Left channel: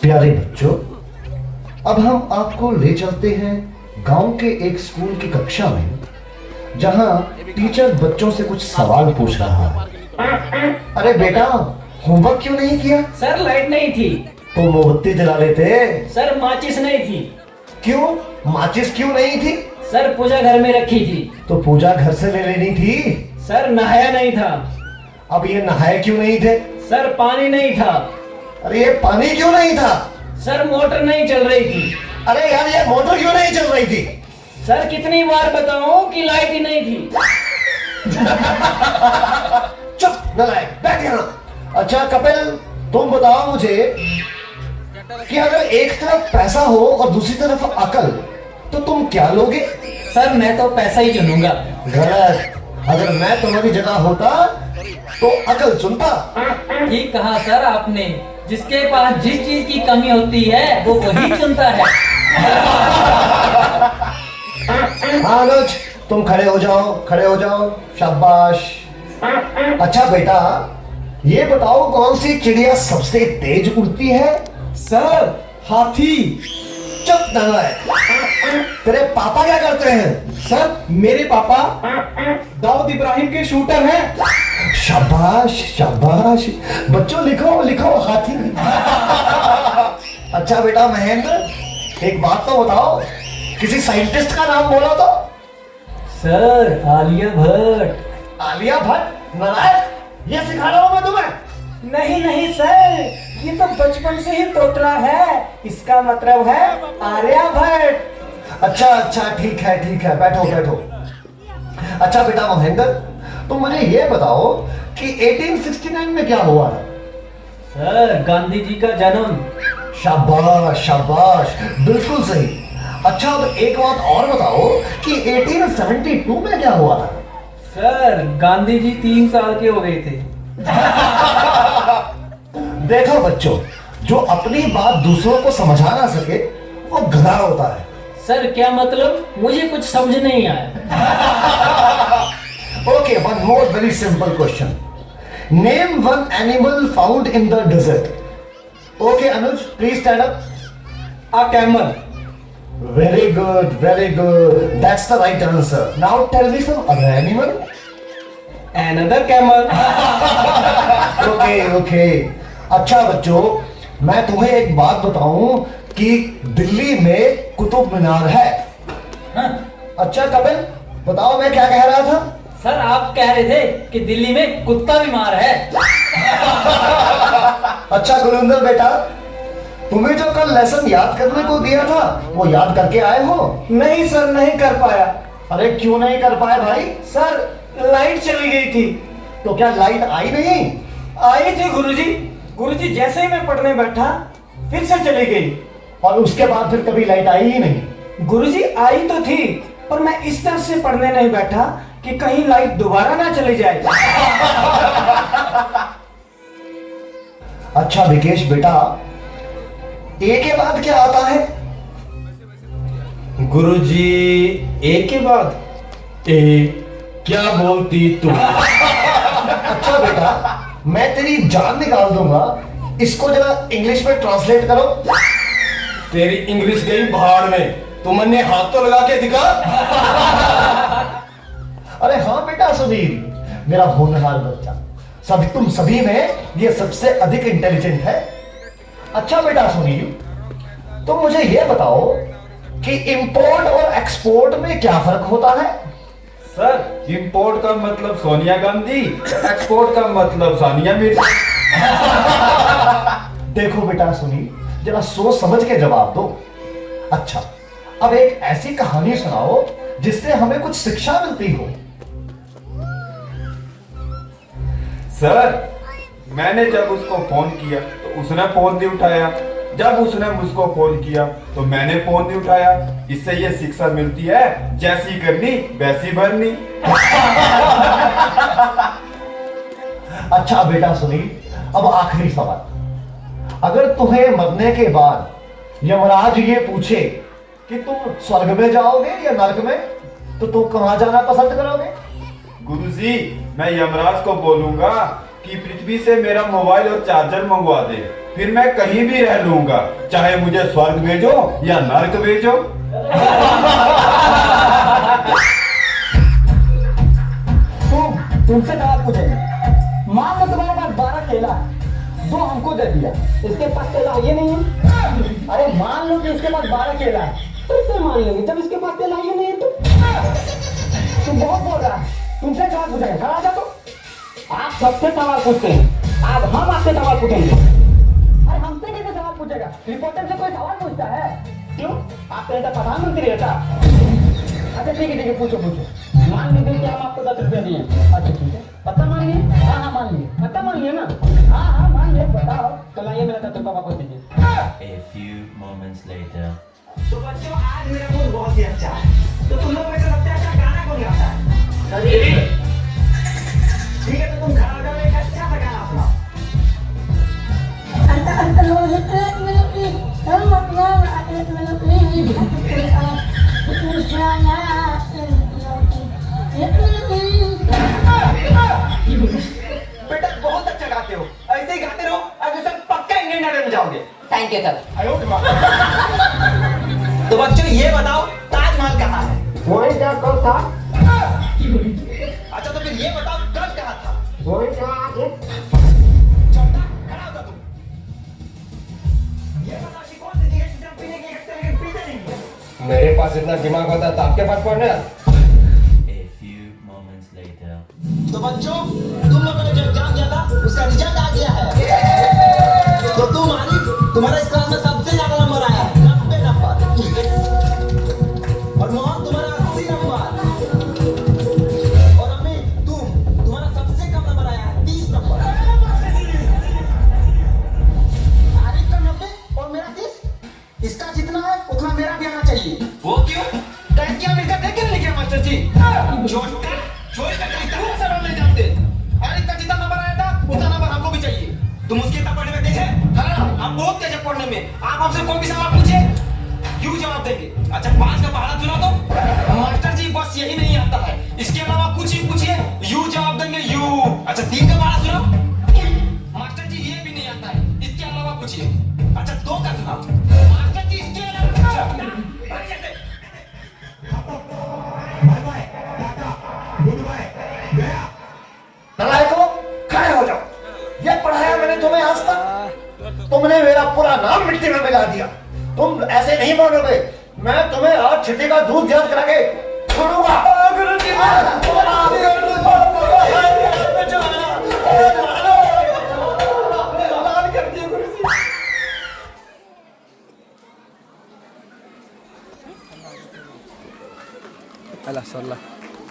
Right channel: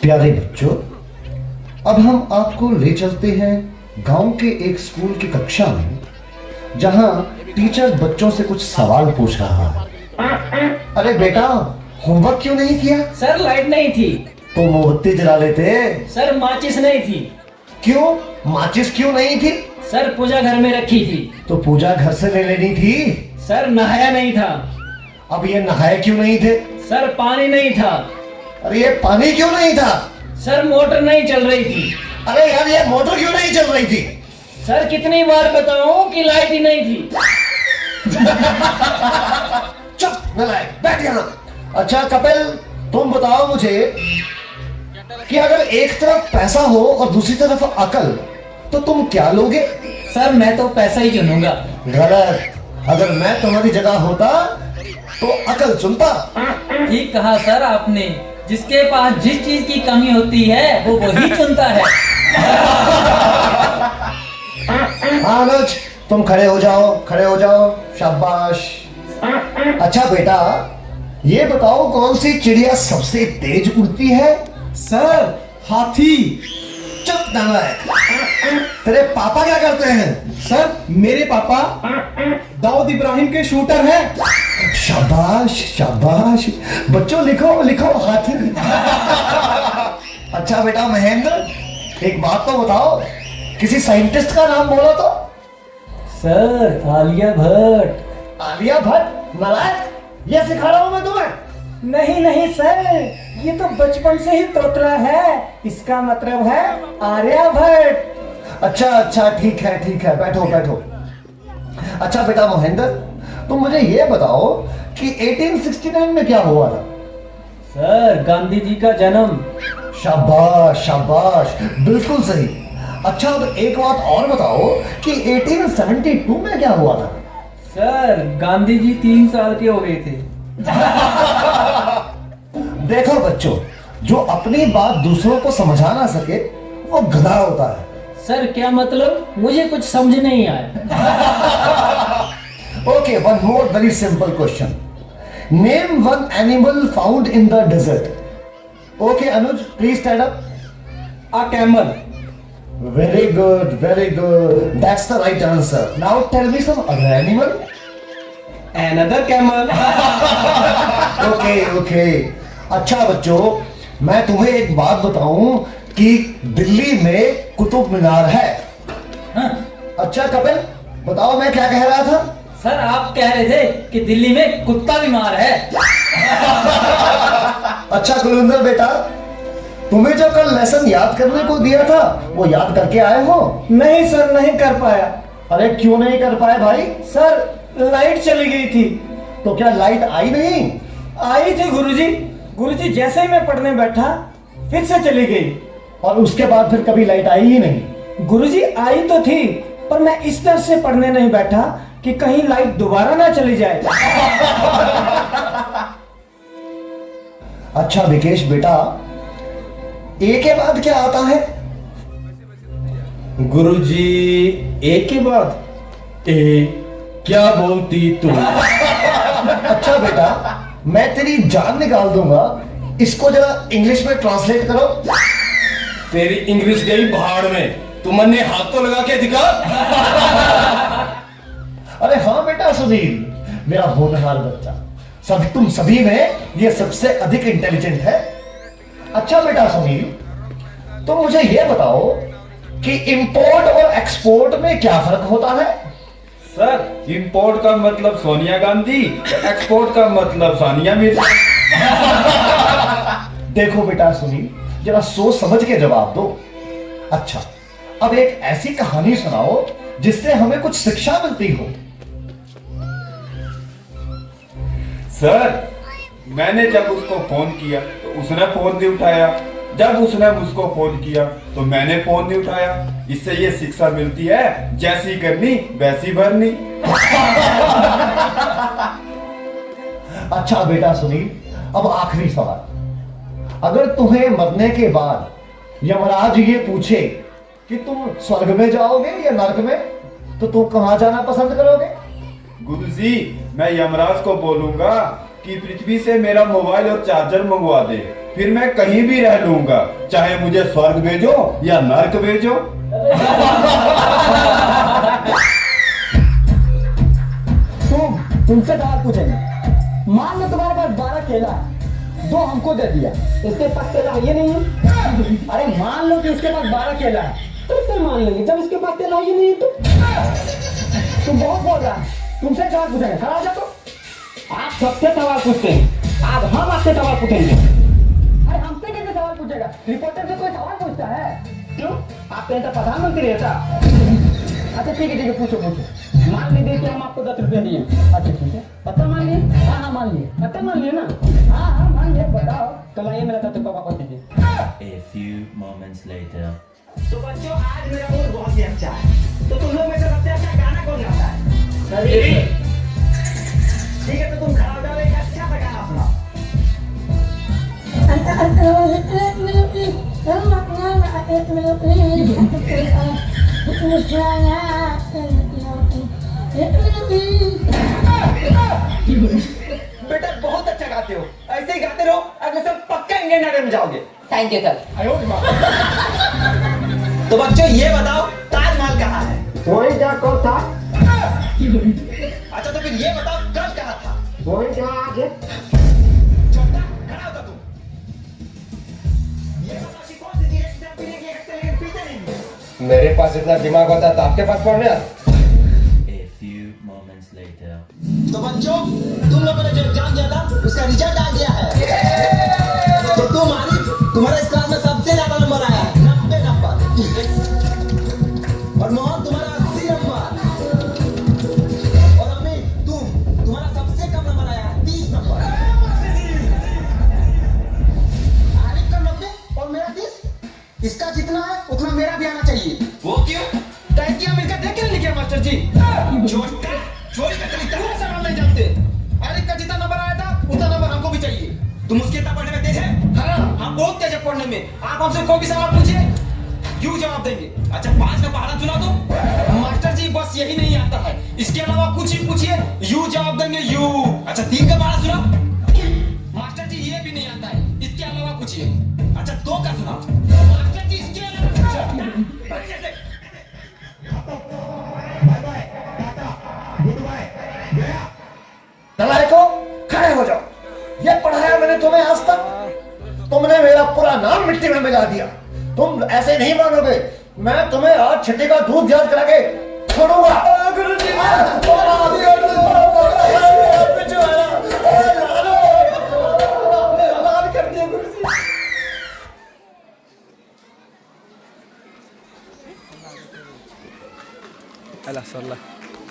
प्यारे बच्चों, अब हम आपको ले चलते हैं गांव के एक स्कूल की कक्षा में, जहां टीचर बच्चों से कुछ सवाल पूछ रहा है। अरे बेटा, होमवर्क क्यों नहीं किया? सर लाइट नहीं थी। तो मोमबत्ती जला लेते। सर माचिस नहीं थी। क्यों? माचिस क्यों नहीं थी? सर पूजा घर में रखी थी। तो पूजा घर से ले लेनी थी। सर नहाया नहीं था। अब ये नहाए क्यों नहीं थे? सर पानी नहीं था। अरे ये पानी क्यों नहीं था? सर मोटर नहीं चल रही थी। अरे यार, ये मोटर क्यों नहीं चल रही थी? सर कितनी बार बताऊं कि लाइट ही नहीं थी। चुप नालायक, बैठ यहाँ। अच्छा कपिल, तुम बताओ मुझे कि अगर एक तरफ पैसा हो और दूसरी तरफ अकल, तो तुम क्या लोगे? सर मैं तो पैसा ही चुनूंगा। गलत। अगर मैं तुम्हारी जगह होता तो अकल चुनता। ठीक कहा सर आपने। जिसके पास जिस चीज की कमी होती है वो वही चुनता है। हाँ अनुज, तुम खड़े हो जाओ, खड़े हो जाओ, शाबाश। अच्छा बेटा, ये बताओ कौन सी चिड़िया सबसे तेज उड़ती है? सर हाथी। चुप नालायक। तेरे पापा क्या करते हैं? सर मेरे पापा दाऊद इब्राहिम के शूटर हैं। शाबाश शाबाश। बच्चों लिखो लिखो, हाथी। अच्छा बेटा महेंद्र, एक बात तो बताओ, किसी साइंटिस्ट का नाम बोला तो? सर आलिया भट्ट। आलिया भट्ट? नालायक, ये सिखा रहा हूं मैं तुम्हें। नहीं नहीं सर, ये तो बचपन से ही तोतला है। इसका मतलब है आर्यभट्ट। अच्छा ठीक है ठीक है, बैठो बैठो। अच्छा बेटा महेंद्र, तुम मुझे ये बताओ कि 1869 में क्या हुआ था? सर गांधी जी का जन्म। शाबाश शाबाश, बिल्कुल सही। अच्छा अब एक बात और बताओ कि 1872 में क्या हुआ था? सर गांधी जी 3 साल के हो गए थे। देखो बच्चों, जो अपनी बात दूसरों को समझा ना सके वो गधा होता है। सर क्या मतलब? मुझे कुछ समझ नहीं आया। Okay, one more very simple question. Name one animal found in the desert. Okay Anuj, please stand up. A camel. Very good very good, that's the right answer. Now tell me some other animal. Another camel. Okay okay. अच्छा बच्चों, मैं तुम्हें एक बात बताऊं कि दिल्ली में कुतुब मीनार है। अच्छा कपिल, बताओ मैं क्या कह रहा था? सर आप कह रहे थे कि दिल्ली में कुत्ता बीमार है। अच्छा गुरिंदर बेटा, तुम्हें जो कल लेसन याद करने को दिया था वो याद करके आए हो? नहीं सर, नहीं कर पाया। अरे क्यों नहीं कर पाए भाई? सर लाइट चली गई थी। तो क्या लाइट आई नहीं? आई थी गुरुजी। गुरुजी जैसे ही मैं पढ़ने बैठा फिर से चली गई। और उसके बाद फिर कभी लाइट आई ही नहीं? गुरुजी आई तो थी, पर मैं इस तरह से पढ़ने नहीं बैठा कि कहीं लाइट दोबारा ना चली जाए। अच्छा विकेश बेटा, ए के बाद क्या आता है? गुरुजी ए के बाद ए क्या बोलती तू? अच्छा बेटा, मैं तेरी जान निकाल दूंगा। इसको जरा इंग्लिश में ट्रांसलेट करो। तेरी इंग्लिश गई भाड़ में, तुमने हाथ तो लगा के दिखा। अरे हाँ बेटा सुधीर, मेरा होनहार बच्चा, तुम सभी में ये सबसे अधिक इंटेलिजेंट है। अच्छा बेटा सुनील, तुम मुझे ये बताओ कि इंपोर्ट और एक्सपोर्ट में क्या फर्क होता है? सर इंपोर्ट का मतलब सोनिया गांधी, एक्सपोर्ट का मतलब सानिया मिर्जा। देखो बेटा सुनील, जरा सोच समझ के जवाब दो। अच्छा, अब एक ऐसी कहानी सुनाओ जिससे हमें कुछ शिक्षा मिलती हो। सर मैंने जब उसको फोन किया तो उसने फोन नहीं उठाया, जब उसने मुझको फोन किया तो मैंने फोन नहीं उठाया। इससे ये शिक्षा मिलती है, जैसी करनी वैसी भरनी। अच्छा बेटा सुनील, अब आखिरी सवाल। अगर तुम्हें मरने के बाद यमराज ये पूछे कि तुम स्वर्ग में जाओगे या नर्क में, तो तुम कहां जाना पसंद करोगे? गुरुजी मैं यमराज को बोलूंगा कि पृथ्वी से मेरा मोबाइल और चार्जर मंगवा दे, फिर मैं कहीं भी रह लूंगा, चाहे मुझे स्वर्ग भेजो या नर्क भेजो। तुमसे सवाल पूछेंगे। मान लो तुम्हारे पास 12 केला है, 2 हमको दे दिया, इसके पास केला ये नहीं है। अरे मान लो कि इसके पास 12 केला है, कैसे मान लेंगे जब इसके पास केला ये नहीं है? तुम बहुत बोल रहा है। तुमसे सवाल पूछेंगे, खड़ा जा। तो आप सबसे सवाल पूछते हैं, आज हम आपसे सवाल पूछेंगे। अरे हमसे कैसे सवाल पूछेगा? रिपोर्टर से कोई सवाल पूछता है? क्यों? आप कहीं तो प्रधानमंत्री रहता। अच्छा ठीक है, पूछो। मान लीजिए कि हम आपको 10 रुपया दिए। अच्छा ठीक है, पक्का मान लिए? हाँ मान लिए। पक्का मान लिए ना? हाँ मान लिए। बताओ, तो लाइए मेरा 10 रुपया वापस दीजिए। A few moments later. तो बच्चों, आज मेरा मूड बहुत ही अच्छा है। तो तुम लोग में से सबसे अच्छा गाना कौन गाता है? अरे ठीक है, तो तुम खड़ा हो जाओ, एक अच्छा सा गाना सुनाओ। बेटा बहुत अच्छा गाते हो, ऐसे ही गाते रहो, आगे सब पक्का इंडियन आइडल में जाओगे। Thank you sir. तो बच्चों ये बताओ, ताजमहल कहाँ है? वही क्या कब था? अच्छा तो फिर ये बताओ, कब कहाँ था? वही कहाँ है? छोटा खड़ा होगा तुम। ये बताओ कि कौन सी चीज़ जब पीने की एक सेकंड पीते नहीं है? मेरे पास इतना दिमाग होता तो आपके पास पढ़ने आता। A few moments later. तो बच्चों, तुम लोगों ने जो एग्जाम दिया था उसका रिजल्ट आ गया है। तो तुम आरिफ, तुम्हारा इस क्लास में सबसे ज्यादा नंबर आया, 90 नंबर। और मोहन तुम्हारा 80 नंबर। और अभी तुम्हारा सबसे कम नंबर आया, 30 नंबर। आरिफ का 90 और मेरा 30। इसका जितना है उतना मेरा भी आना चाहिए। वो क्यों? टैंकियां मिलकर देख के लिखे मास्टर जी। छोटा चोरी का तरीका से नहीं जानते। आरिफ का जितना नंबर आया था उतना नंबर हमको भी चाहिए। तुम उसके कितना पढ़ने में तेज है? हाँ, हम बहुत तेज है पढ़ने में। आप हमसे कोई भी सवाल पूछिए, यू जवाब देंगे। अच्छा 5 का पहाड़ा सुना दो। मास्टर जी बस यही नहीं आता है, इसके अलावा कुछ ही पूछिए, यू जवाब देंगे यू। अच्छा 3 का पहाड़ा सुना। मास्टर जी ये भी नहीं आता है, इसके अलावा पूछिए। अच्छा 2 का सुना। मास्टर जी इसके अलावा कैसे? नालायकों, खड़े हो जाओ। ये पढ़ाया मैंने तुम्हें आज तक, तुमने मेरा पूरा नाम मिट्टी में मिला दिया। तुम ऐसे नहीं बनोगे। मैं तुम्हें आज छठी का दूध याद करा के छोड़ूंगा। गुरुजी, Alah, salah.